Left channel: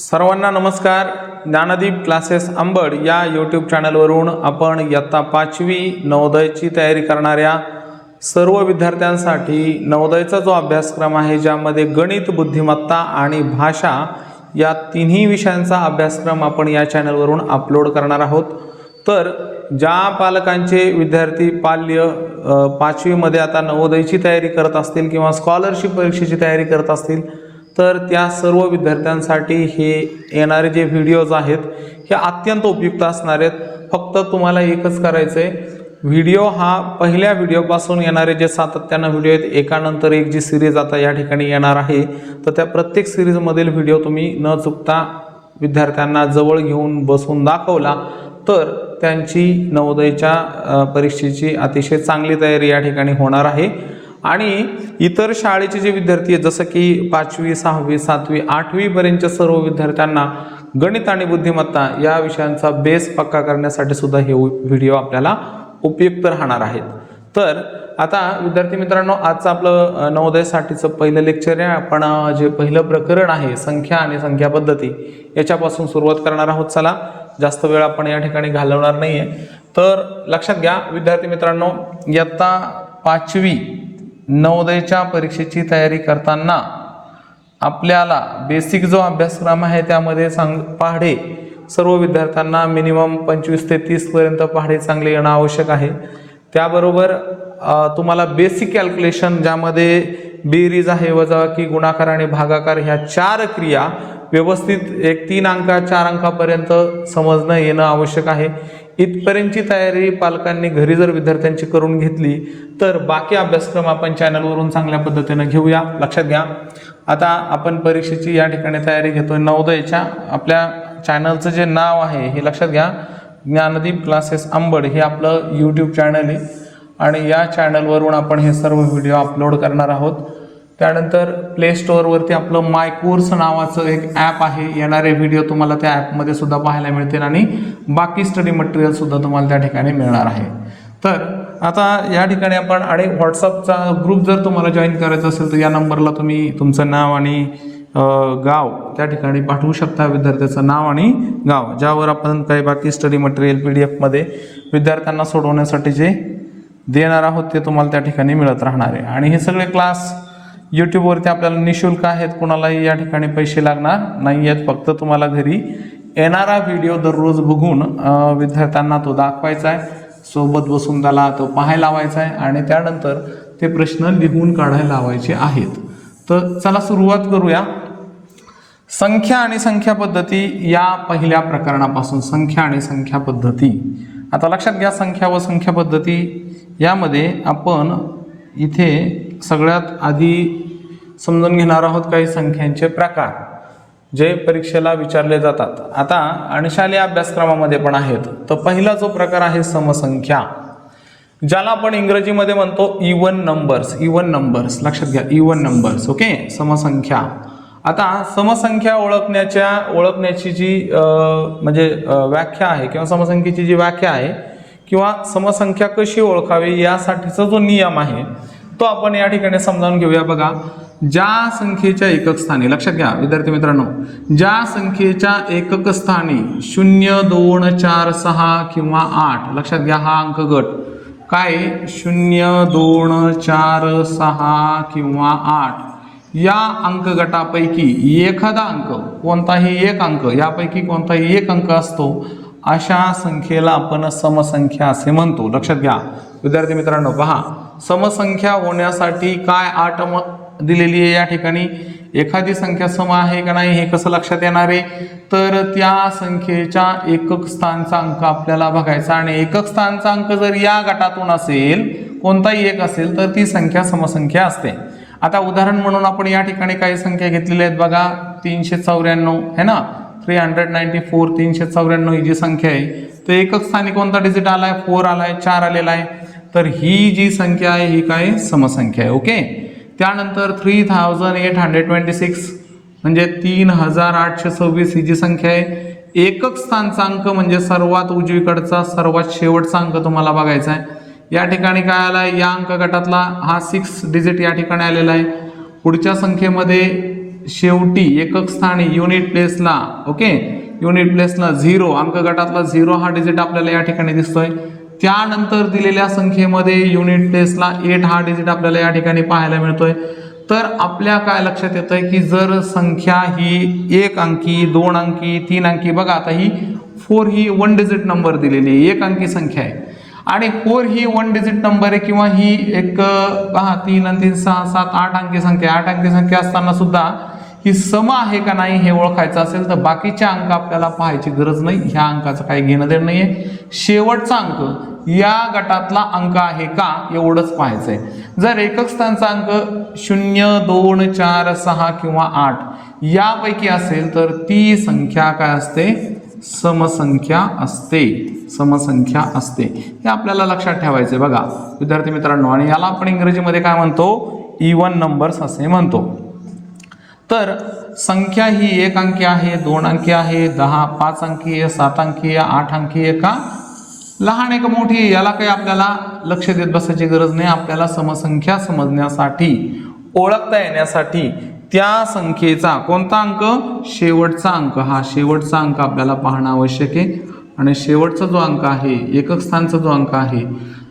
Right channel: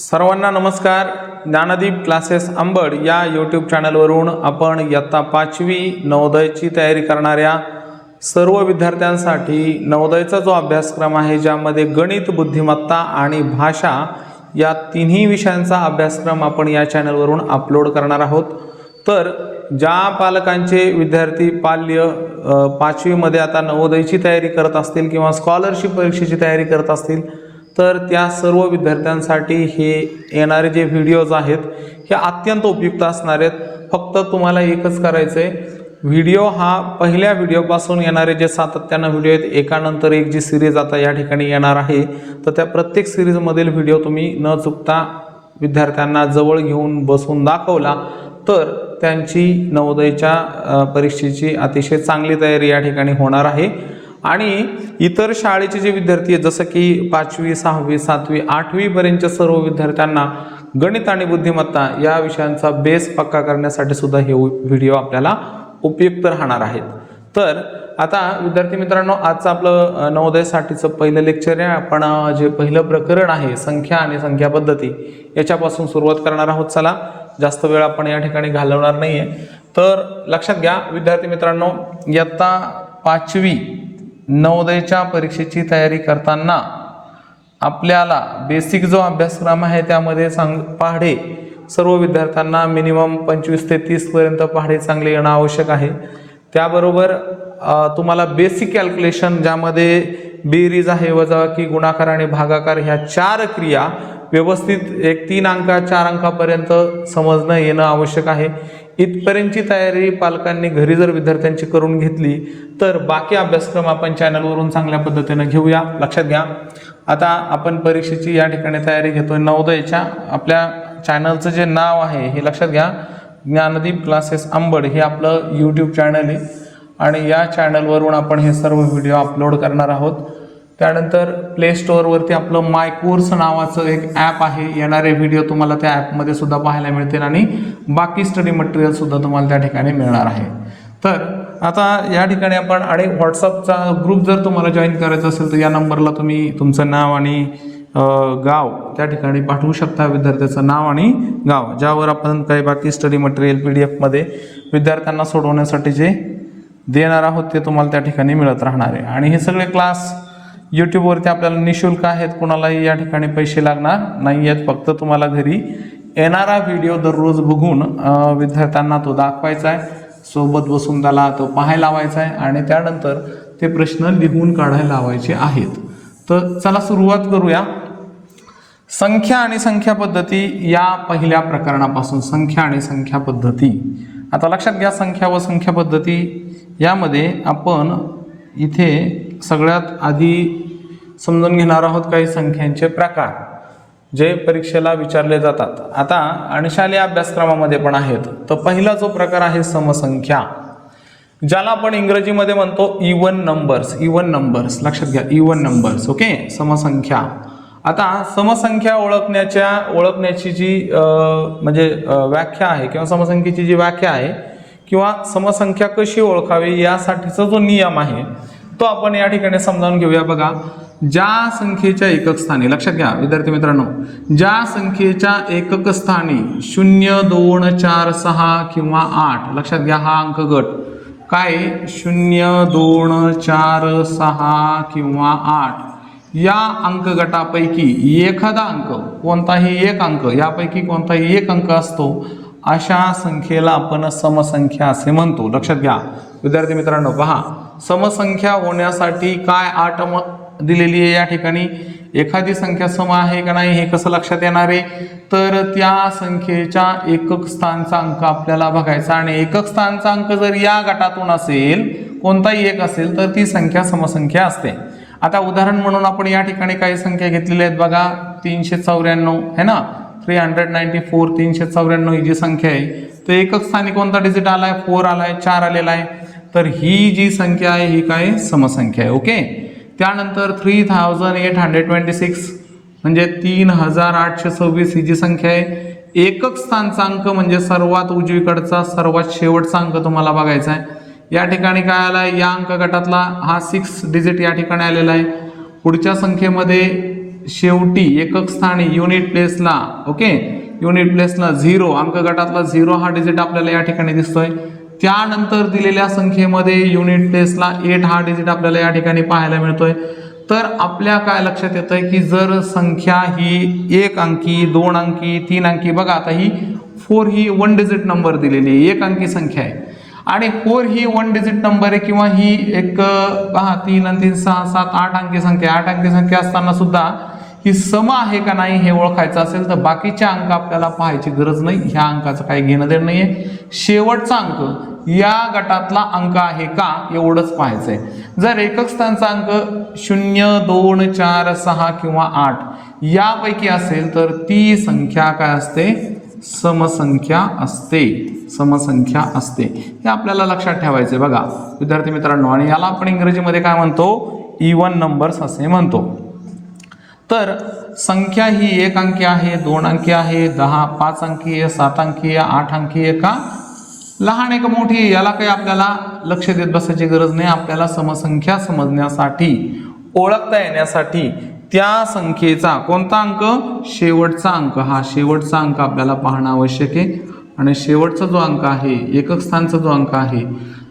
सर्वांना नमस्कार. ज्ञानदीप क्लासेस अंबड या यूट्यूब चॅनलवरून आपण इयत्ता पाचवी नवोदयची तयारी करणाऱ्या सर्व विद्यार्थ्यांसाठी नवोदयचा जो अभ्यासक्रम आहे ज्यामध्ये गणित बुद्धिमत्ता आणि भाषा या तिन्ही विषयांचा अभ्यासक्रम आपण या चॅनलवरून अपलोड करणार आहोत. तर ज्या पालकांचे विद्यार्थी पाल्य पाचवीमध्ये आता नवोदयची तयारी करत असतील किंवा स्कॉलरशिप परीक्षेची तयारी करत असतील तर त्या सर्व विद्यार्थ्यांसाठी हे येणारे जे व्हिडिओज आहेत हे अत्यंत उपयुक्त असणार आहेत. फक्त तुम्हाला एकच करायचं आहे व्हिडिओ हा पहिल्या व्हिडिओपासून येणारे जे सातत्यानं व्हिडिओ आहेत एकानंतर एक जी सिरीज आता या ठिकाणी येणार आहे तर त्या प्रत्येक सिरीजमधील व्हिडिओ तुम्ही न चुकता विद्यार्थ्यांना जवळ घेऊन बसून दाखवला तर त्यांची नवोदयच्या परीक्षेची अतिशय चांगली तयारी या ठिकाणी होणार आहे. आणि इतर शाळेचे जे विद्यार्थी आहेत जसं की पाचवी सहावी सातवी आठवीपर्यंतच्या सर्व विद्यार्थ्यांना गणित आणि बुद्धिमत्ता या विषयांचा बेस पक्का करण्यासाठी सुद्धा हे व्हिडिओ आपल्याला उपयुक्त राहणार आहेत. तर आता विद्यार्थी मित्रांनो आजचं आपलं नवोदयसाठीचं पहिलं लेक्चर आहे. आपण जे पहिलं प्रकरण आहे संख्या आणि संख्या पद्धती याच्यापासून सुरुवात करणार आहोत. चला जास्त वेळ आपण या ठिकाणी घालवणार नाही आहे तर लक्षात घ्या विद्यार्थी मित्रांनो इयत्ता पाचवी नवोदयच्या परीक्षेची तयारी करताना आपल्याला बेसिक जो अभ्यासक्रम आहे त्यामध्ये सांग पहाडे सर्व विद्यार्थ्यांना मिनिमम पंचवीस ते तीसपर्यंत पहाडे चांगले येणं आवश्यक आहे. त्याबरोबर तुम्हाला बेसिक कॅल्क्युलेशन ज्यामध्ये बेरीज आहे वजाबाकी गुणाकार आणि भागाकार ह्या चार क्रिया व्यवस्थित एक तीन अंका चार अंकापर्यंत समजणं येणं आवश्यक आहे. इथपर्यंतची तयारी पालकांनी घरी जर विद्यार्थ्यांची करून घेतली तर बाकी अभ्यासक्रम आपण चॅनलवरून चांगल्या पद्धतीनं घेऊया. लक्षात घ्या. आता आपण परीक्षेची या ठिकाणी तयारी घेतोय. नवोदयच्या आपल्या चॅनलचं जे नाव आहे हे लक्षात घ्या. ज्ञानदीप क्लासेस अंबड हे आपलं यूट्यूब चॅनल आहे. आणि या चॅनलवरून आपण हे सर्व व्हिडिओ अपलोड करणार आहोत. त्यानंतर प्ले स्टोअरवरती आपलं माय कोर्स नावाचं एक ॲप आहे. येणारे व्हिडिओ तुम्हाला त्या ॲपमध्ये सुद्धा पाहायला मिळतील आणि बाकी स्टडी मटेरियलसुद्धा तुम्हाला त्या ठिकाणी मिळणार आहे. तर आता या ठिकाणी आपण आणि व्हॉट्सअपचा ग्रुप जर तुम्हाला जॉईन करायचा असेल तर या नंबरला तुम्ही तुमचं नाव आणि गाव त्या ठिकाणी पाठवू शकता विद्यार्थ्याचं नाव आणि गाव ज्यावर आपण काही बाकी स्टडी मटेरियल पी डी एफमध्ये विद्यार्थ्यांना सोडवण्यासाठी जे देणार आहोत ते तुम्हाला त्या ठिकाणी मिळत राहणार आहे. आणि हे सगळे क्लास यूट्यूबवरती आपल्याला निशुल्क आहेत कुणालाही या ठिकाणी पैसे लागणार नाही आहेत फक्त तुम्हाला घरी येणारा व्हिडिओ दररोज बघून विद्यार्थ्यांना तो दाखवायचा आहे. सोबत बसून त्याला तो पाहायला लावायचा आहे आणि त्यानंतर ते प्रश्न लिहून काढायला लावायचे आहेत. तर चला सुरुवात करूया. संख्या आणि संख्या पद्धती या पहिल्या प्रकरणापासून संख्या आणि संख्या पद्धती. आता लक्षात घ्या संख्या व संख्या पद्धती यामध्ये आपण इथे सगळ्यात आधी समजून घेणार आहोत काही संख्यांचे प्रकार जे परीक्षेला विचारले जातात. आता आणि शालेय अभ्यासक्रमामध्ये पण आहेत. तर पहिला जो प्रकार आहे समसंख्या ज्याला आपण इंग्रजीमध्ये म्हणतो इवन नंबर्स इवन नंबर्स लक्षात घ्या इवन नंबर्स ओके समसंख्या. आता समसंख्या ओळखण्याच्या ओळखण्याची जी म्हणजे व्याख्या आहे किंवा समसंख्येची जी व्याख्या आहे किंवा समसंख्या कशी ओळखावी यासाठीचा जो नियम आहे तो आपण या ठिकाणी समजावून घेऊया. बघा ज्या संख्येच्या एकक स्थानी लक्षात घ्या विद्यार्थी मित्रांनो ज्या संख्येच्या एकक स्थानी शून्य दोन चार सहा किंवा आठ लक्षात घ्या हा अंक गट काय? शून्य दोन चार सहा किंवा आठ या अंक गटापैकी एखादा अंक कोणताही एक अंक यापैकी कोणताही एक अंक असतो अशा संख्येला आपण समसंख्या असे म्हणतो. लक्षात घ्या विद्यार्थी मित्रांनो पहा. समसंख्या होण्यासाठी काय आट दिलेली आहे या ठिकाणी? एखादी संख्या सम आहे का नाही हे कसं लक्षात येणार आहे? तर त्या संख्येच्या एकक स्थानचा अंक आपल्याला बघायचा आणि एकक स्थानचा अंक जर या गटातून असेल कोणताही एक असेल तर ती संख्या समसंख्या असते. आता उदाहरण म्हणून आपण या ठिकाणी काही संख्या घेतलेल्या आहेत बघा. तीनशे चौऱ्याण्णव है ना? थ्री हंड्रेड नाईन्टी फोर तीनशे चौऱ्याण्णव ही जी संख्या आहे तर एकक स्थानी कोणता डिजिट आलाय? फोर आलाय चार आलेला आहे. तर ही जी संख्या आहे ही काय? समसंख्या आहे ओके त्यानंतर three thousand eight hundred twenty six म्हणजे तीन हजार आठशे सव्वीस ही जी संख्या आहे एकक स्थानचा अंक म्हणजे सर्वात उजवीकडचा सर्वात शेवटचा अंक तुम्हाला बघायचा आहे. या ठिकाणी काय आला आहे या अंक गटातला हा सिक्स डिजिट या ठिकाणी आलेला आहे. पुढच्या संख्येमध्ये शेवटी एकक स्थानी युनिट प्लेसला ओके युनिट प्लेसला झिरो अंक गटातला झिरो हा डिजिट आपल्याला या ठिकाणी दिसतोय. त्यानंतर दिलेल्या संख्येमध्ये युनिट टेस्टला एट हा डिजिट आपल्याला या ठिकाणी पाहायला मिळतोय. तर आपल्या काय लक्षात येतं आहे की जर संख्या ही एक अंकी दोन अंकी तीन अंकी बघा आता ही फोर ही वन डिजिट नंबर दिलेली आहे. एक अंकी संख्या आहे. आणि फोर ही वन डिजिट नंबर आहे किंवा ही एक पहा तीन आणि तीन सहा सात आठ अंकी संख्या आठ अंकी संख्या असताना सुद्धा ही सम आहे का नाही हे ओळखायचं असेल तर बाकीचे अंक आपल्याला पाहायची गरज नाही. ह्या अंकाचं काही घेणं देणं नाहीये. शेवटचा अंक या गटातला अंक आहे का एवढंच पाहायचंय. जर एकक स्थानचा अंक शून्य दोन चार सहा किंवा आठ यापैकी असेल तर ती संख्या काय असते? समसंख्या असते. समसंख्या असते. हे आपल्याला लक्षात ठेवायचे बघा विद्यार्थी मित्रांनो आणि याला आपण इंग्रजीमध्ये काय म्हणतो? इवन नंबर्स असे म्हणतो. तर संख्या ही एक अंकी आहे दोन अंकी आहे दहा पाच अंकी आहे सात अंकी आहे आठ अंकी आहे का? लहान एक मोठी याला काही आपल्याला लक्ष देत बसायची गरज नाही. आपल्याला समसंख्या समजण्यासाठी ओळखता येण्यासाठी त्या संख्येचा कोणता अंक? शेवटचा अंक. हा शेवटचा अंक आपल्याला पाहणं आवश्यक आहे. आणि शेवटचा जो अंक आहे एकक स्थानचा जो अंक आहे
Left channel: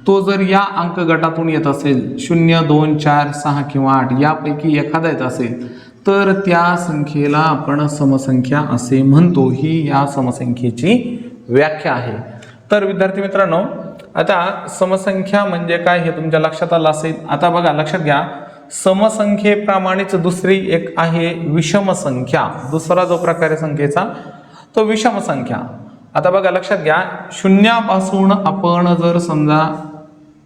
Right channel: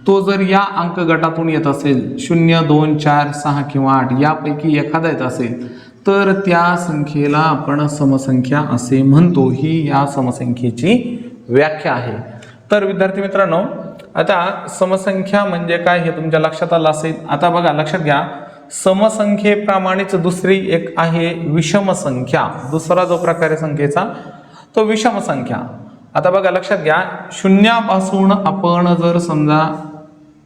तो जर या अंक गटातून येत असेल शून्य दोन चार सहा किंवा आठ यापैकी एखादा येत असेल तर त्या संख्येला आपण समसंख्या असे म्हणतो. ही या समसंख्येची व्याख्या आहे. तर विद्यार्थी मित्रांनो आता समसंख्या म्हणजे काय हे तुमच्या लक्षात आलं असेल. आता बघा लक्षात घ्या. समसंख्येप्रमाणेच दुसरी एक आहे विषमसंख्या. दुसरा जो प्रकार आहे संख्येचा तो विषमसंख्या. आता बघा लक्षात घ्या. शून्यापासून आपण जर समजा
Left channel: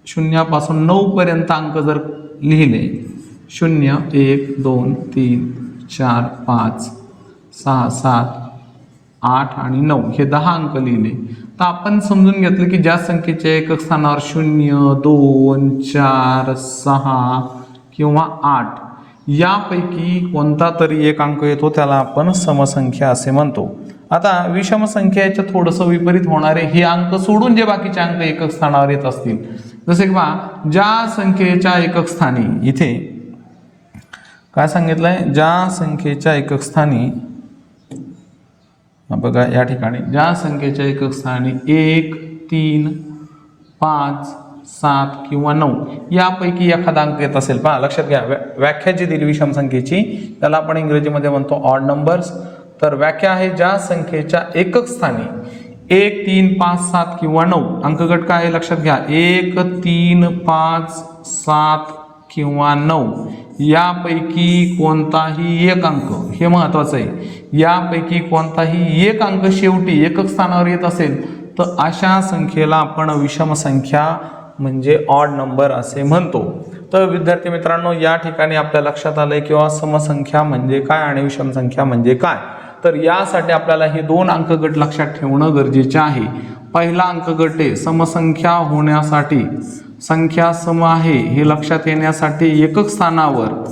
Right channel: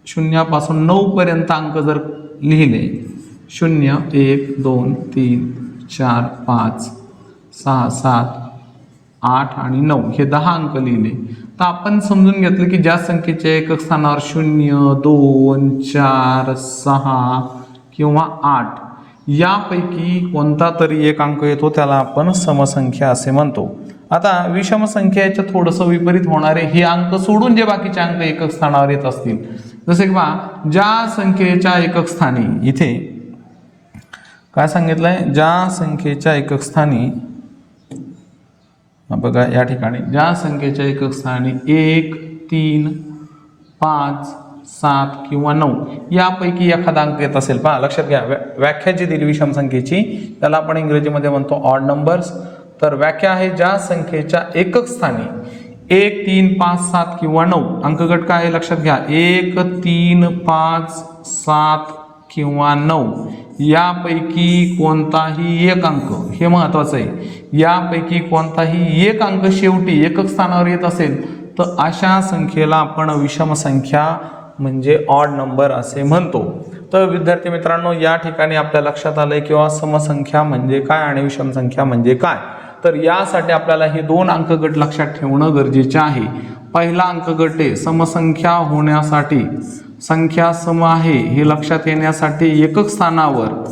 शून्यापासून नऊ पर्यंत अंक जर लिहिले शून्य एक दोन तीन चार पाच सहा सात आठ आणि नऊ हे दहा अंक लिहिले तर आपण समजून घेतलं की ज्या संख्येच्या एकक स्थानावर शून्य दोन चार सहा किंवा आठ यापैकी कोणता तरी एक अंक येतो त्याला आपण समसंख्या असे म्हणतो. आता विषम संख्याच्या थोडंसं विपरीत होणारे हे अंक सोडून जे बाकीचे अंक एकक स्थानावर येत असतील. जसे की बा ज्या संख्येच्या एकक स्थानी इथे काय सांगितलंय? ज्या संख्येच्या एकक स्थानी बघा या ठिकाणी. ज्या संख्येच्या एकक स्थानी एक तीन पाच सात किंवा नऊ यापैकी एखादा अंक येत असेल. पहा लक्षात घ्या व्या- व्याख्या जी दिली विषम संख्येची. त्याला आपण इंग्रजीमध्ये म्हणतो ऑड नंबर्स तर व्याख्या आहे ज्या संख्येच्या एकक स्थानी एक तीन पाच सात किंवा नऊ अंकगट काय आहे लक्षात घ्या. एक तीन पाच सात किंवा नऊ यापैकी कोणताही एक अंक. हे महत्वाचं आहे. यापैकी कोणताही एक अंक शेवटी एकक स्थानावर येत असेल तर अशा संख्येला आपण विषम संख्या म्हणजे ऑड नंबर असे म्हणतो. तर विद्यार्थी मित्रांनो या ठिकाणी आपल्या लक्षात आलंय किंवा समसंख्या म्हणजे काय आणि विषम संख्या म्हणजे काय? तर यासाठी आपल्याला हे दोन अंकगट लक्षात ठेवणं गरजेचे आहे. पहिला अंकगट आहे समसंख्या होण्यासाठी. संख्या सम आहे हे लक्षात येण्यासाठी एकक स्थानावर.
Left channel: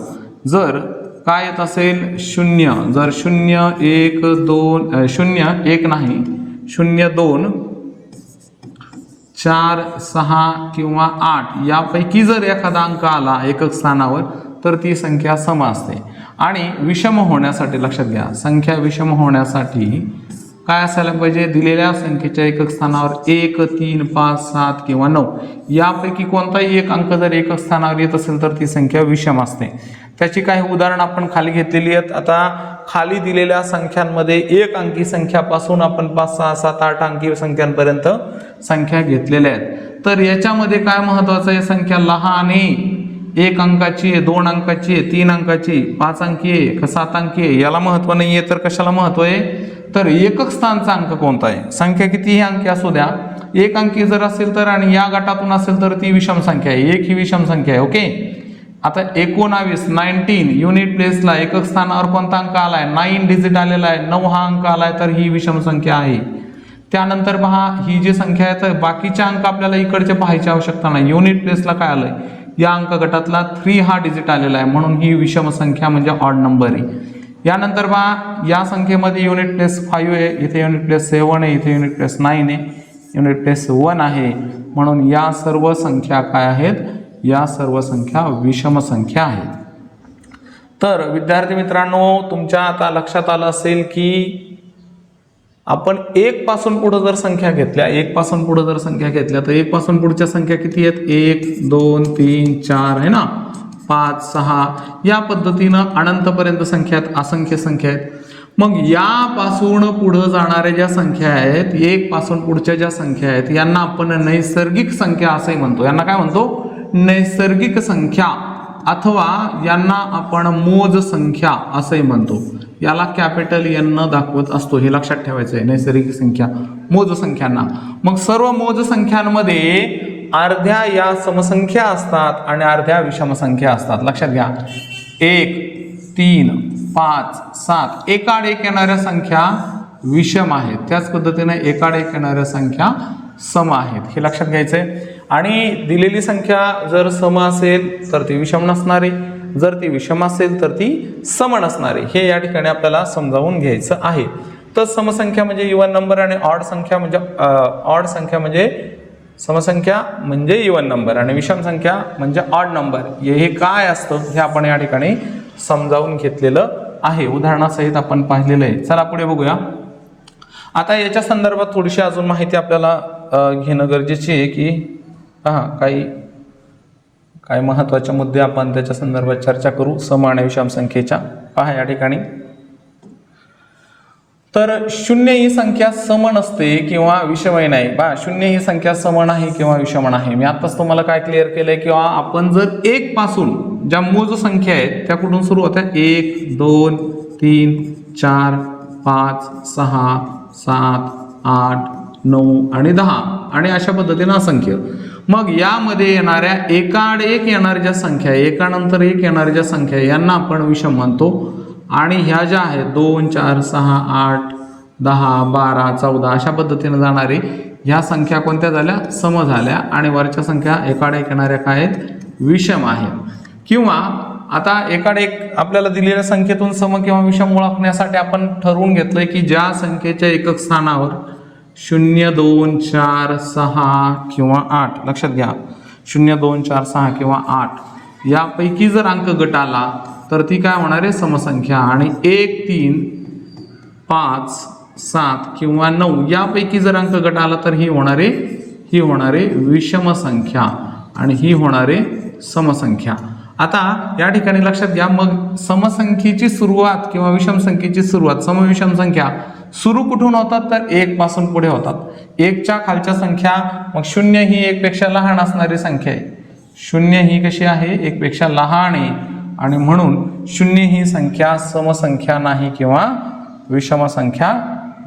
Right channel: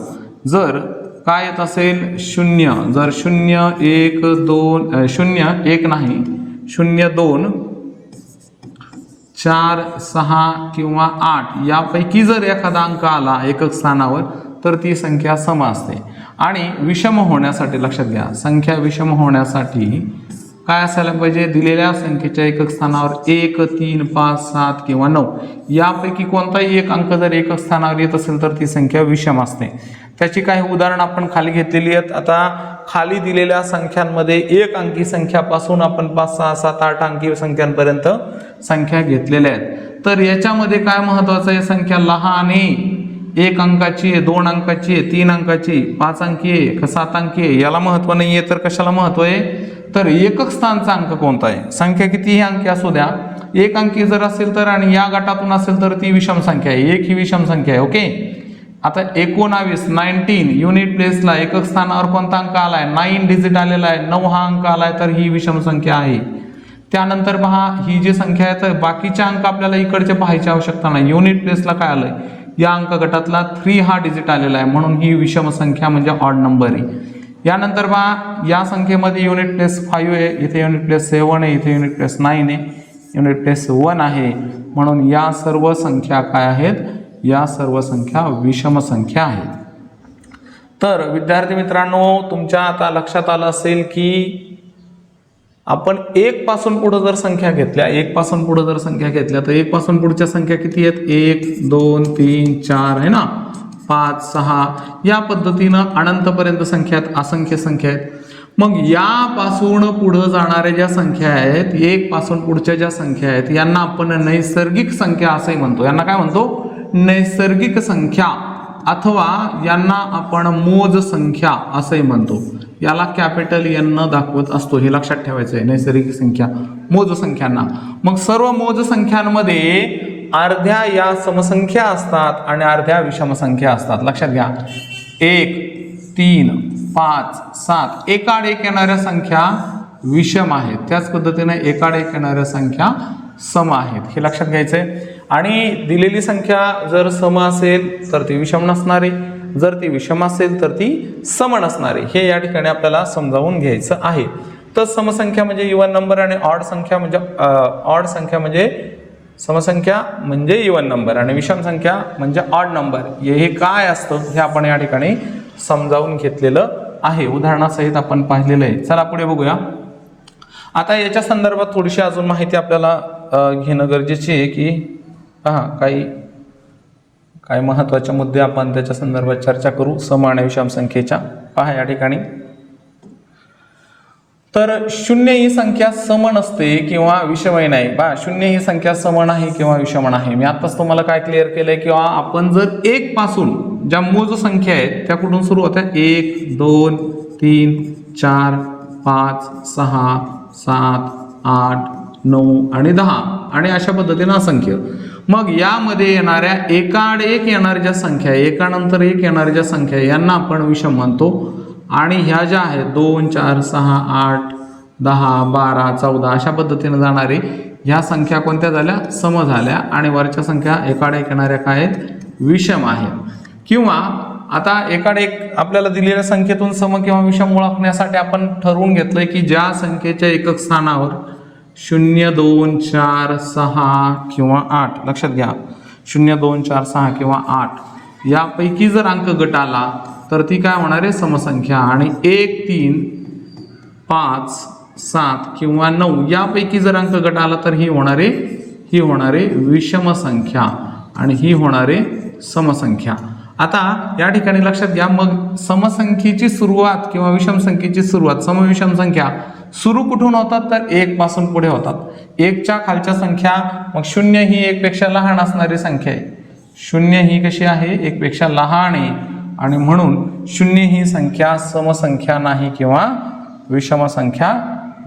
जर काय येत असेल? शून्य. जर शून्य एक दोन शून्य एक नाही शून्य दोन चार सहा किंवा आठ यापैकी जर एखादा अंक आला एकक स्थानावर तर ती संख्या सम असते. आणि विषम होण्यासाठी लक्षात घ्या संख्या विषम होण्यासाठी काय असायला पाहिजे? दिलेल्या संख्येच्या एकक स्थानावर एक तीन पाच सात किंवा नऊ. यापैकी कोणताही एक अंक जर एकक स्थानावर येत असेल तर ती संख्या विषम असते. त्याची काही उदाहरणं आपण खाली घेतलेली आहेत. आता खाली दिलेल्या संख्यांमध्ये एक अंकी संख्यापासून आपण पाच सहा सात आठ अंकी संख्यांपर्यंत संख्या घेतलेल्या आहेत. तर याच्यामध्ये काय महत्वाचं आहे? संख्या लहान आहे. एक अंकाची आहे दोन अंकाची आहे तीन अंकाची पाच अंकी आहे का सात अंकी आहे? याला महत्त्व नाही आहे तर कशाला महत्त्व आहे? तर एकक स्थानचा अंक कोणता आहे? संख्या कितीही अंकी असू द्या. एक अंकी जर असेल तर आणि या गटातून असेल तर ती विषम संख्या आहे. एक ही विषम संख्या आहे ओके? आता एकोणावीस नाईन्टीन युनिट प्लेसला एकक स्थानावर कोणता अंक आलाय? नाईन डिजिट आलेला आहे. नऊ हा अंक आलाय तर ही विषम संख्या आहे. त्यानंतर पहा ही जी संख्या आहे तर बाकीचे अंक आपल्याला इकडचे पाहायची आवश्यकता नाही. युनिट प्लेसला काय आलंय? या अंक गटातला थ्री हा डिजिट आलेला आहे. म्हणून ही विषम संख्या म्हणजे ऑड नंबर आहे. यानंतर बा या संख्येमध्ये युनिट प्लेस फाईव्ह आहे इथे युनिट प्लेस सेवन आहे इथे युनिट प्लेस नाईन आहे. युनिट प्लेस वन आहे. म्हणून या सर्व संख्या काय आहेत? या सर्व संख्या विषम संख्या आहेत. तर विद्यार्थी मित्रांनो तुमच्या आता लक्षात आलं असेल की आपण एक पासून जर संख्या घेतल्या एक पासून जर संख्या घेतल्या तर एक पासून पुढच्या संख्या किती आहेत? एक दोन तीन चार आहे ना? पाच सहा या पद्धतीनं अनंतपर्यंत संख्या आहेत असंख्य संख्या आहेत मग यापासून पुढं जाणाऱ्या ज्या संख्या आहेत एक पासून पुढच्या ज्या संख्या आहेत यांना आपण नैसर्गिक संख्या असंही म्हणतो. यांना काय म्हणतो? नैसर्गिक संख्या अथवा यांना आपण मोज संख्या असंही म्हणतो. याला कॅपिटल एन न दाखवत असतो. हे लक्षात ठेवायचं आहे नैसर्गिक संख्या मोज संख्यांना. मग सर्व मोज संख्यांमध्ये अर्ध्या या समसंख्या असतात आणि अर्ध्या विषमसंख्या असतात. लक्षात घ्या. एक तीन पाच सात. एकाड एक येणाऱ्या संख्या विषम आहेत. त्याच पद्धतीने एकाड एक येणाऱ्या संख्या सम आहेत. हे लक्षात घ्यायचं आहे आणि दिलेली संख्या जर सम असेल तर ती विषम नसणारी. जर ती विषम असेल तर ती सम नसणारी. हे या ठिकाणी आपल्याला समजावून घ्यायचं आहे. तर समसंख्या म्हणजे इवन नंबर आणि ऑड संख्या म्हणजे ऑड संख्या म्हणजे समसंख्या म्हणजे इवन नंबर आणि विषम संख्या म्हणजे ऑड नंबर हे काय असतं? हे आपण या ठिकाणी समजावून घेतलेलं आहे. उदाहरणासहित आपण पाहिलेलं आहे. चला पुढे बघूया. आता याच्या संदर्भात थोडीशी अजून माहिती आपल्याला घेणं गरजेची आहे की पहा काही काही महत्त्वाचे मुद्दे आपण त्याच्या संदर्भात चर्चा करू. सम आणि विषम संख्येच्या. पहा या ठिकाणी. तर शून्य ही संख्या सम नसते किंवा विषमय नाही. बा शून्य ही संख्या सम नाही किंवा विषम नाही. मी आताच तुम्हाला काय क्लिअर केलंय किंवा आपण जर एक पासून ज्या मूळ संख्या आहेत त्या कुठून सुरू होत्या? एक दोन तीन चार पाच सहा सात आठ नऊ आणि दहा. आणि अशा पद्धतीनं असंख्य. मग यामध्ये येणाऱ्या एकाड एक येणाऱ्या ज्या संख्या आहे एकानंतर एक येणाऱ्या ज्या संख्या यांना आपण विषम म्हणतो. आणि ह्या ज्या आहेत दोन चार सहा आठ दहा बारा चौदा अशा पद्धतीनं जाणारे ह्या संख्या कोणत्या झाल्या? सम झाल्या आणि वरच्या संख्या एकाडे एक येणाऱ्या काय आहेत विषम आहेत किंवा आता एकाडे एक आपल्याला दिलेल्या संख्येतून सम किंवा विषम ओळखण्यासाठी आपण ठरवून घेतलंय की ज्या संख्येच्या एकक स्थानावर शून्य दोन चार सहा किंवा आठ लक्षात घ्या शून्य दोन चार सहा किंवा आठ यापैकी जर अंक गट आला तर ती काय होणार आहे? समसंख्या. आणि एक तीन पाच सात किंवा नऊ यापैकी जर अंक गट आला तर ही होणारे ही होणारे विषमसंख्या. आणि ही होणारे समसंख्या. आता या ठिकाणी लक्षात घ्या मग समसंख्येची सुरुवात किंवा विषमसंख्येची सुरुवात समविषम संख्या सुरू कुठून होतात? तर एक पासून पुढे होतात. एकच्या खालच्या संख्या मग शून्य ही एकपेक्षा लहान असणारी संख्या आहे. शून्य ही कशी आहे? एकपेक्षा लहान आहे. आणि म्हणून शून्य ही संख्या समसंख्या नाही किंवा विषम संख्या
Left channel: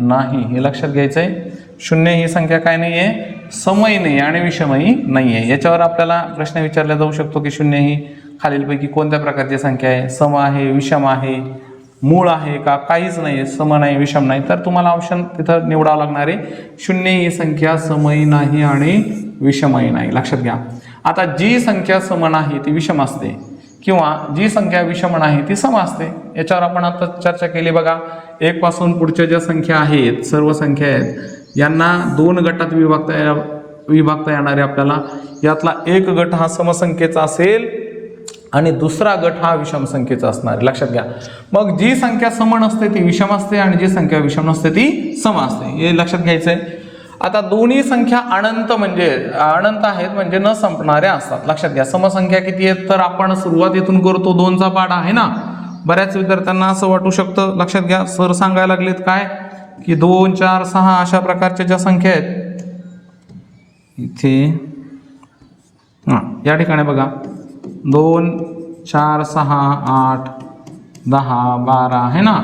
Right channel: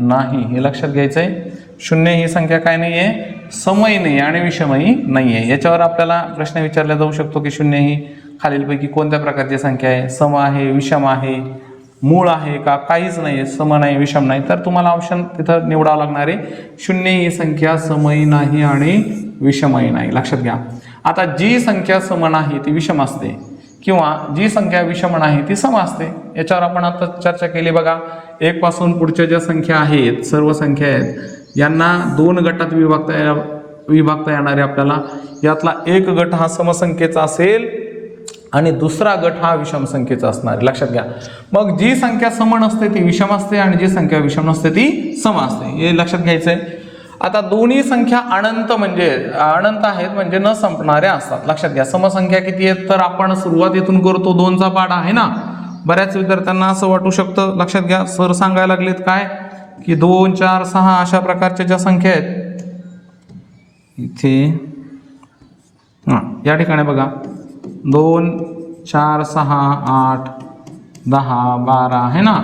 नाही. हे लक्षात घ्यायचं आहे शून्य ही संख्या काय नाही आहे समही नाही आणि विषमही नाही आहे याच्यावर आपल्याला प्रश्न विचारला जाऊ शकतो की शून्य ही खालीलपैकी कोणत्या प्रकारची संख्या आहे? सम आहे विषम आहे मूळ आहे का? काहीच नाही आहे सम नाही विषम नाही. तर तुम्हाला ऑप्शन तिथं निवडावं लागणार आहे. शून्य ही संख्या समयी नाही आणि विषमही नाही. लक्षात घ्या. आता जी संख्या सम नाही ती विषम असते. किंवा जी संख्या विषमण आहे ती सम असते याच्यावर आपण आता चर्चा केली बघा. एक पासून पुढच्या ज्या संख्या आहेत सर्व संख्या आहेत यांना दोन गटात विभागता या- विभागता येणारे आपल्याला. यातला एक गट हा समसंख्येचा असेल आणि दुसरा गट हा विषम संख्येचा असणार आहे. लक्षात घ्या. मग जी संख्या सम नसते ती विषम असते आणि जी संख्या विषम नसते ती सम असते. हे लक्षात घ्यायचं आहे आता दोन्ही संख्या अनंत म्हणजे अनंत आहेत म्हणजे न संपणाऱ्या असतात. लक्षात घ्या समसंख्या किती आहेत तर आपण सुरुवातीतून करतो दोनचा पाडा आहे ना? बऱ्याच विद्यार्थ्यांना असं वाटू शकतं. लक्षात घ्या सर सांगायला लागलेत काय? की दोन चार सहा अशा प्रकारच्या ज्या संख्या आहेत इथे हां या ठिकाणी बघा. दोन चार सहा आठ दहा बारा आहे ना?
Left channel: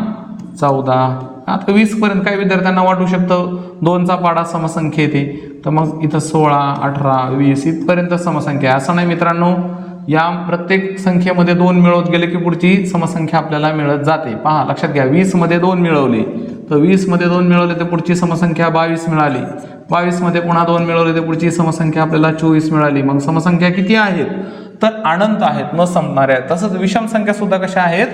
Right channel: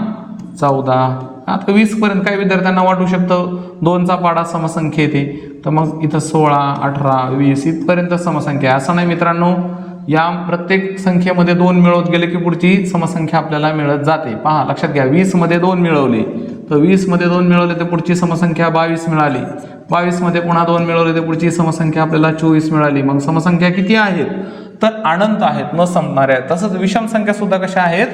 चौदा. आता वीसपर्यंत काही विद्यार्थ्यांना वाटू शकतं? दोनचा पाडा समसंख्या येते. तर मग इथं सोळा अठरा वीस इथपर्यंत समसंख्या आहे. असं नाही मित्रांनो या प्रत्येक संख्येमध्ये दोन मिळवत गेले की पुढची समसंख्या आपल्याला मिळत जाते. पहा लक्षात घ्या वीसमध्ये दोन मिळवले. तर वीसमध्ये दोन मिळवले तर पुढची समसंख्या बावीस मिळाली. बावीसमध्ये पुन्हा दोन मिळवले तर पुढची समसंख्या आपल्याला चोवीस मिळाली. मग समसंख्या किती आहेत? तर अनंत आहेत न संपणाऱ्या आहेत. तसंच विषम संख्या सुद्धा कशा आहेत?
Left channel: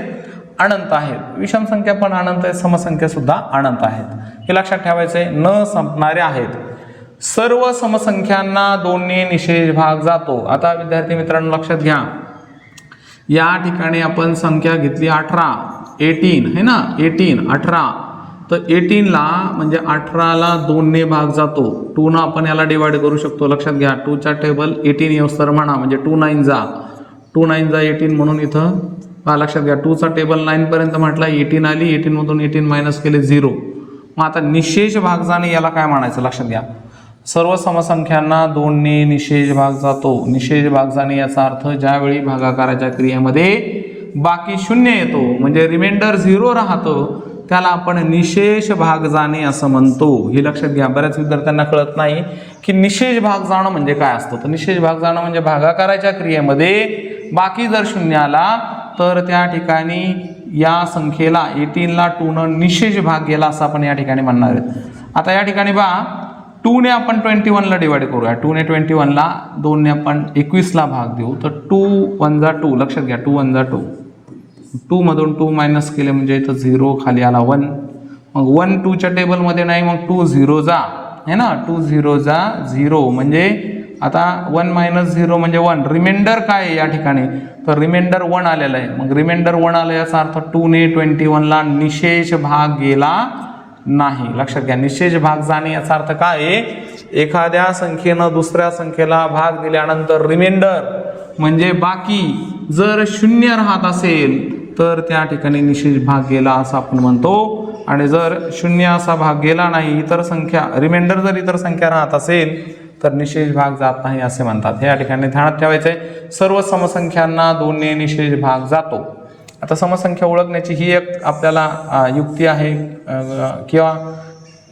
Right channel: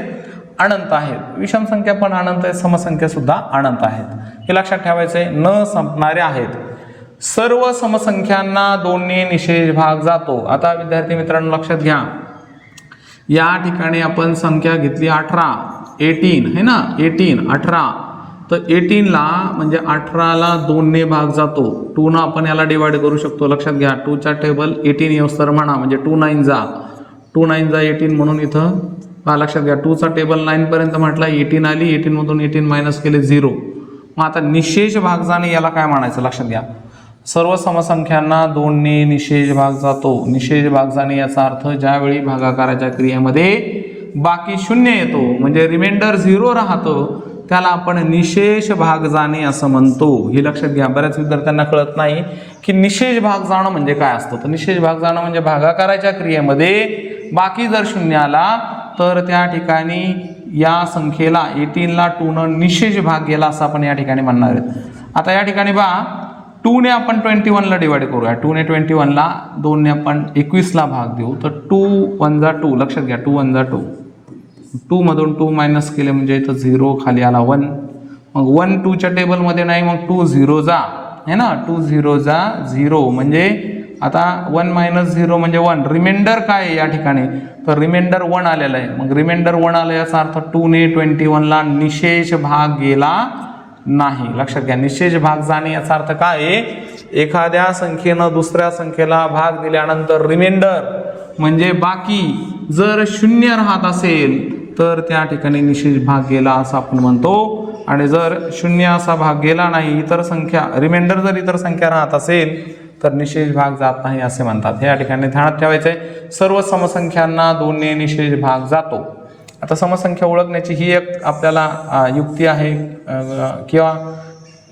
अनंत आहेत. विषम संख्या पण अनंत आहे समसंख्या सुद्धा अनंत आहेत. हे लक्षात ठेवायचं आहे न संपणारे आहेत. सर्व समसंख्यांना दोन्ही निषेध भाग जातो. आता विद्यार्थी मित्रांनो लक्षात घ्या. या ठिकाणी आपण संख्या घेतली अठरा एटीन है ना? एटीन अठरा. तर एटीनला म्हणजे अठराला दोनने भाग जातो. टूनं आपण याला डिवाइड करू शकतो. लक्षात घ्या टूचा टेबल एटीन येऊस म्हणा म्हणजे टू नाईन जा. टू नाईन जा एटीन म्हणून इथं पहा लक्षात घ्या टूचा टेबल नाईनपर्यंत म्हटला एटीन आली एटीनमधून एटीन मायनस केले झिरो मग आता निशेष भाग जाणे याला काय म्हणायचं? लक्षात घ्या. सर्व समसंख्यांना दोनने निशेष भाग जातो. निशेष भाग जाणे याचा अर्थ ज्यावेळी भागाकाराच्या क्रियेमध्ये बाकी शून्य येतो म्हणजे रिमाइंडर झिरो राहतो त्याला आपण निशेष भाग जाणे असं म्हणतो. हे लक्षात घ्या. बऱ्याच विद्यार्थ्यांना कळत नाही की निशेष भाग जाणं म्हणजे काय असतं. तर निशेष भाग जाणं म्हणजे भागाकाराच्या क्रियेमध्ये बाकी जर शून्याला तर त्या ठिकाणी या संख्येला एटीनला टूनं निशेष भाग गेला असं आपण या ठिकाणी म्हणणार आहेत. आता या ठिकाणी बा टूने आपण ट्वेंटी वनला डिवाइड करूया. टूने ट्वेंटी वनला दोनने आपण एकवीसला भाग देऊ. तर टू वन जा टू लक्षात घ्या टू वन जा टू टूमधून टू मायनस केले म्हणजे इथं झिरो खाली आला वन. मग वन टूच्या टेबलमध्ये नाही मग टू झिरो जा. है ना? टू झिरो जा झिरो म्हणजे आता वन मायनस झिरो म्हणजे वन रिमाइंडर काय आहे या ठिकाणी? तर रिमाइंडर वन आलेलं आहे. मग रिमाइंडर वन आलं याचा अर्थ टूने ट्वेंटी वनला निशेष भाग गेला नाही. लक्षात घ्या निशेष भाग जाणे याचा अर्थ काय आहे? एखाद्या संख्येनं दुसऱ्या संख्येला भाग दिल्यानंतर रिमाइंडर म्हणजे बाकी जर शून्य राहत असेल तर त्या ठिकाणी निशेष भाग गेला असं आपण म्हणतो. आणि जर शून्य असा भाग गेला नाही इतर संख्या रिमाइंडर जर इतर संख्या राहत असेल तर निशेष भाग जात नाही असे म्हणतात. हे या ठिकाणी ध्यानात ठेवायचे सर्व समसंख्यांना दोनने निशेष भाग जातो. आता समसंख्या ओळखण्याची ही एक आपल्याला युक्ती आहे किंवा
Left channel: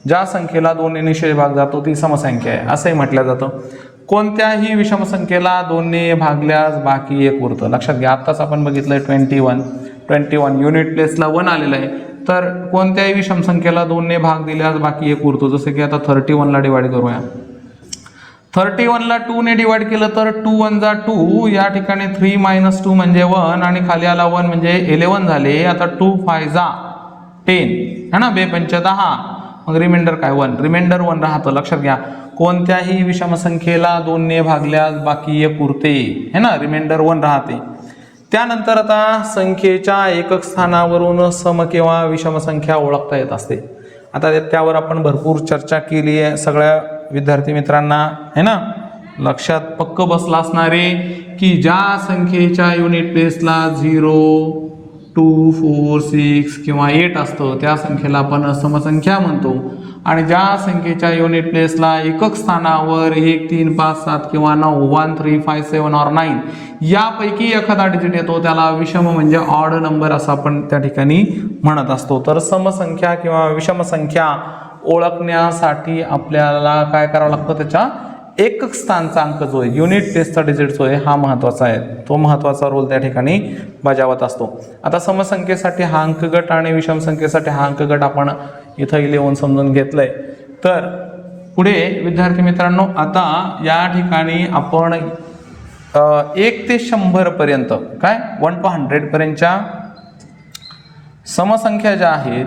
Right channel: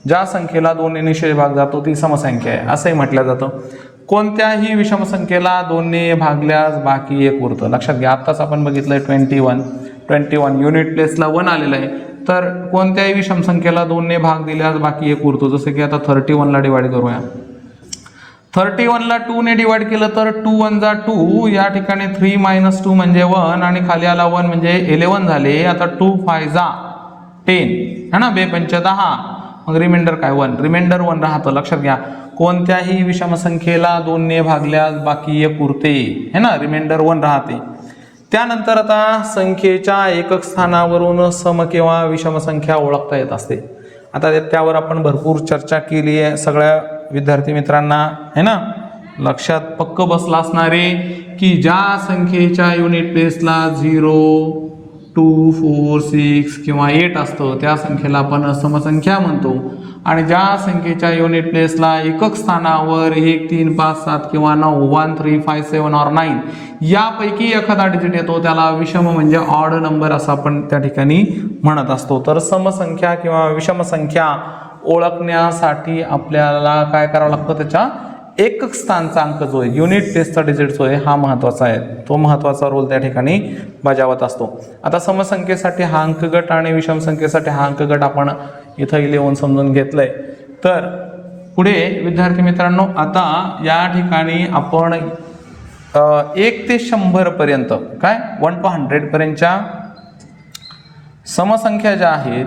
ज्या संख्येला दोनने निशेष भाग जातो ती समसंख्या आहे असंही म्हटलं जातं. कोणत्याही विषम संख्येला दोनने भागल्यास बाकी एक उरतं. लक्षात घ्या आत्ताच आपण बघितलंय twenty one. Twenty one unit प्लेसला one आलेलं आहे. तर कोणत्याही विषम संख्येला दोनने भाग दिल्यास बाकी एक उरतो. जसं की आता थर्टी वनला डिवाइड करूया. थर्टी वनला टूने डिवाइड केलं तर टू वन जा टू या ठिकाणी थ्री मायनस टू म्हणजे वन आणि खाली आला वन म्हणजे इलेवन झाले. आता टू फाय जा टेन है ना? बे पंच दहा. मग रिमाइंडर काय? वन रिमाइंडर वन राहतं. लक्षात घ्या. कोणत्याही विषम संख्येला दोनने भागल्यास बाकी एक उरते. है ना? रिमाइंडर वन राहते. त्यानंतर आता संख्येच्या एकक स्थानावरून सम किंवा विषम संख्या ओळखता येत असते. आता त्यावर आपण भरपूर चर्चा केली आहे. सगळ्या विद्यार्थी मित्रांना है ना? लक्षात पक्क बसला असणारे की ज्या संख्येच्या युनिट प्लेसला झिरो टू फोर सिक्स किंवा एट असतं त्या संख्येला आपण समसंख्या म्हणतो. आणि ज्या संख्येच्या युनिट प्लेसला एकक स्थानावर एक तीन पाच सात किंवा नऊ one three five seven or nine यापैकी एखादा डिजिट येतो त्याला विषम म्हणजे ऑड नंबर असं आपण त्या ठिकाणी म्हणत असतो. तर समसंख्या किंवा विषम संख्या ओळखण्यासाठी आपल्याला काय करावं लागतं त्याच्या एकक स्थानचा अंक जो आहे युनिट टेस्टचा डिजिट जो आहे हा महत्त्वाचा आहे. तो महत्त्वाचा रोल त्या ठिकाणी बजावत असतो. आता समसंख्येसाठी हा अंकगट आणि विषम संख्येसाठी हा अंकगट आपण इथं लिहून समजून घेतलंय. तर पुढे विद्यार्थी मित्रांनो आता या ठिकाणी आपण एक ते शंभर पर्यंत काय? वन टू हंड्रेड पर्यंतच्या समसंख्या ज्या आहेत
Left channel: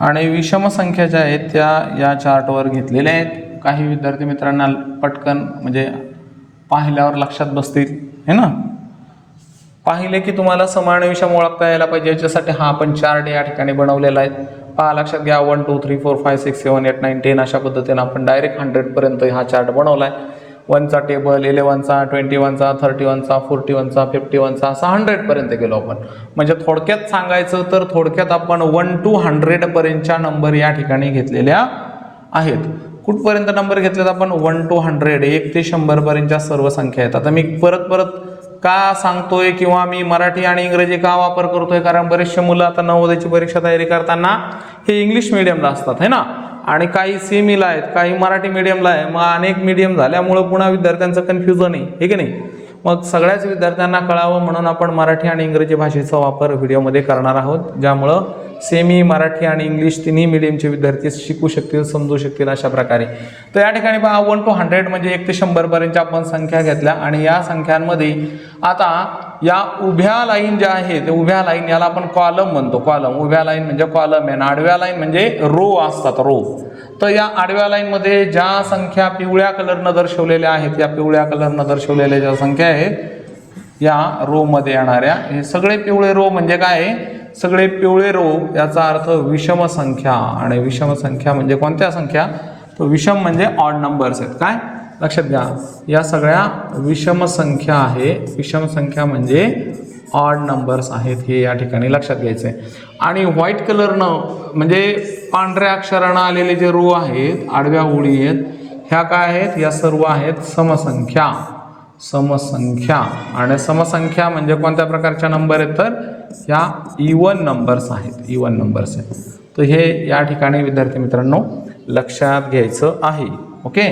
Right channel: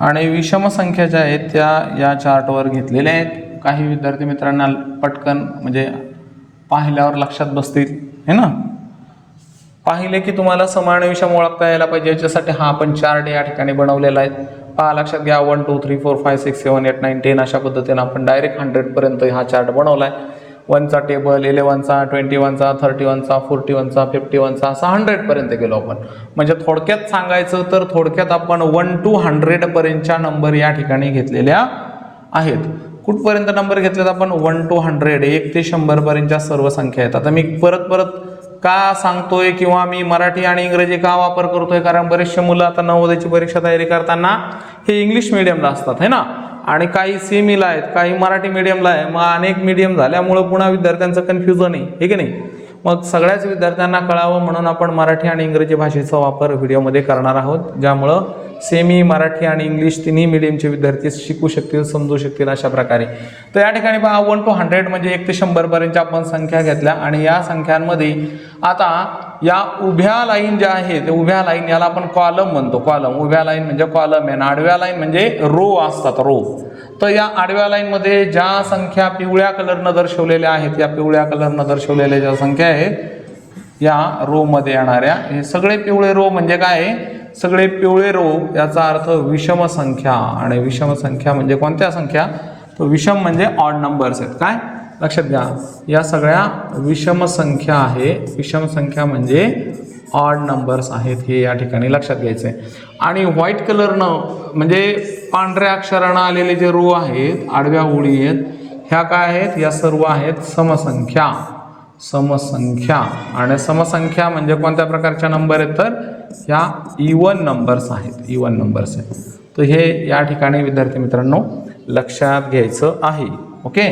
आणि विषम संख्या ज्या आहेत त्या या चार्टवर घेतलेल्या आहेत. काही विद्यार्थी मित्रांना पटकन म्हणजे पाहिल्यावर लक्षात बसतील है ना? पाहिले की तुम्हाला समान विषम ओळखता यायला पाहिजे. याच्यासाठी हा आपण चार्ट या ठिकाणी बनवलेला आहे. पहा लक्षात घ्या. One two three four five six seven eight nine ten अशा पद्धतीने आपण डायरेक्ट हंड्रेडपर्यंत हा चार्ट बनवला आहे. वनचा टेबल इलेवनचा ट्वेंटी वनचा थर्टी वनचा फोर्टी वनचा फिफ्टी वनचा असा हंड्रेडपर्यंत गेलो आपण. म्हणजे थोडक्यात सांगायचं तर थोडक्यात आपण वन टू हंड्रेडपर्यंतच्या नंबर या ठिकाणी घेतलेल्या आहेत. कुठपर्यंत नंबर घेतलेत आपण? वन टू हंड्रेड एक ते शंभरपर्यंतच्या सर्व संख्या आहेत. आता मी परत परत का सांगतोय किंवा मी मराठी आणि इंग्रजी का वापर करतोय? कारण बरेचसे मुलं आता नवोदयाची परीक्षा तयारी करताना हे इंग्लिश मिडियमला असतात है ना? आणि काही सेमीला आहेत काही मराठी मिडियमला आहे. मग अनेक मिडियम झाल्यामुळं पुन्हा विद्यार्थ्यांचं कन्फ्युजन आहे हे की नाही? मग सगळ्याच विद्यार्थ्यांना कळावं म्हणून आपण मराठी आणि इंग्रजी भाषेचा वापर व्हिडिओमध्ये करणार आहोत ज्यामुळं सेमी मराठी आणि इंग्लिश तिन्ही मिडियमचे विद्यार्थी शिकू शकतील समजू शकतील अशा प्रकारे. तर या ठिकाणी पहा वन टू हंड्रेड म्हणजे एक ते शंभरपर्यंतच्या आपण संख्या घेतल्या आणि या संख्यांमध्ये आता या उभ्या लाईन ज्या आहेत त्या उभ्या लाईन याला आपण कॉलम म्हणतो. कॉलम उभ्या लाईन म्हणजे कॉलम आहे आणि आडव्या लाईन म्हणजे रो असतात रो तर या आडव्या लाईनमध्ये ज्या संख्या पिवळ्या कलरनं दर्शवलेल्या आहेत या पिवळ्या कलरनं दर्शवलेल्या ज्या संख्या आहेत या रो मध्ये येणाऱ्या हे सगळे पिवळे रो म्हणजे काय आहे? सगळे पिवळे रोग याचा अर्थ विषम संख्या. आणि विषम संख्या म्हणजे कोणत्या संख्या? तर विषम म्हणजे ऑड नंबर्स आहेत. काय? लक्षात घ्या. या सगळ्या विषम संख्या आहे विषम संख्या म्हणजे ऑड नंबर्स आहेत हे या ठिकाणी लक्षात घ्यायचं. आहे आणि व्हाईट कलरनं म्हणजे पांढऱ्या अक्षरानं आलेले जे रो आहेत आडव्या ओळी आहेत ह्या काय आहेत? या सर्व आहेत समसंख्या. समसंख्या. आणि समसंख्या म्हणजे कोणत्या प्रकारच्या नंबर आहेत तर? या e इवन नंबर्स आहेत. E इवन नंबर्स आहेत. तर हे या ठिकाणी विद्यार्थी मित्रांनो लक्षात घ्यायचं आहे. ओके?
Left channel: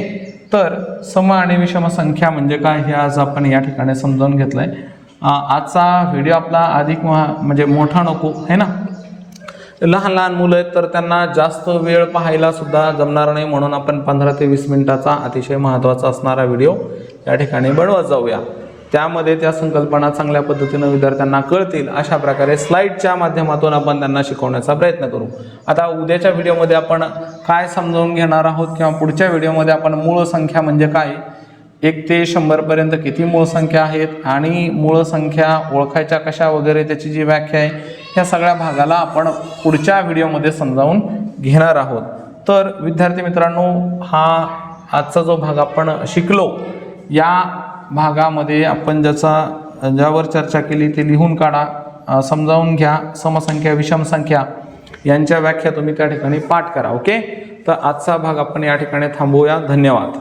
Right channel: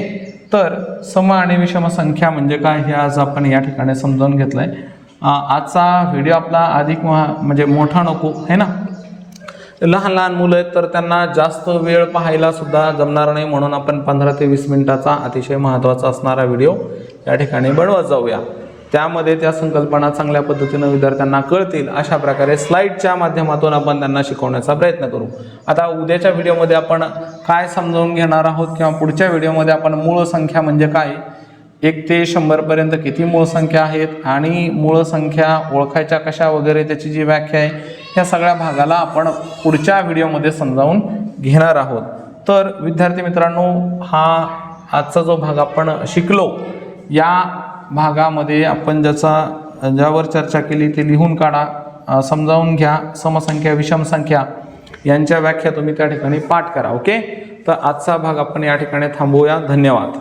तर सम आणि विषम संख्या म्हणजे काय हे आज आपण या ठिकाणी समजावून घेतलं आहे आजचा व्हिडिओ आपला अधिक महा- म्हणजे मोठा नको है ना? लहान लहान मुलं आहेत तर त्यांना जास्त वेळ पाहायला सुद्धा जमणार नाही म्हणून आपण पंधरा ते वीस मिनिटाचा अतिशय महत्त्वाचा असणारा व्हिडिओ या ठिकाणी बनवत जाऊया. त्यामध्ये त्या संकल्पना चांगल्या पद्धतीनं विद्यार्थ्यांना कळतील अशा प्रकारे स्लाईडच्या माध्यमातून आपण त्यांना शिकवण्याचा प्रयत्न करू. आता उद्याच्या व्हिडिओमध्ये आपण काय समजावून घेणार आहोत किंवा पुढच्या व्हिडिओमध्ये आपण मूळ संख्या म्हणजे काय? एक ते शंभरपर्यंत किती मूळ संख्या आहेत आणि मूळ संख्या ओळखायच्या कशा वगैरे त्याची जी व्याख्या आहे ह्या सगळ्या भागाला आपण पुढच्या व्हिडिओमध्ये समजावून घेणार आहोत. तर विद्यार्थी मित्रांनो हा आजचा जो भाग आपण शिकलो या भागामध्ये आपण ज्याचा ज्यावर चर्चा केली ते लिहून काढा समजावून घ्या समसंख्या विषमसंख्या यांच्या व्याख्या तुम्ही त्या ठिकाणी पाठ करा ओके? तर आजचा भाग आपण या ठिकाणी थांबवूया. धन्यवाद.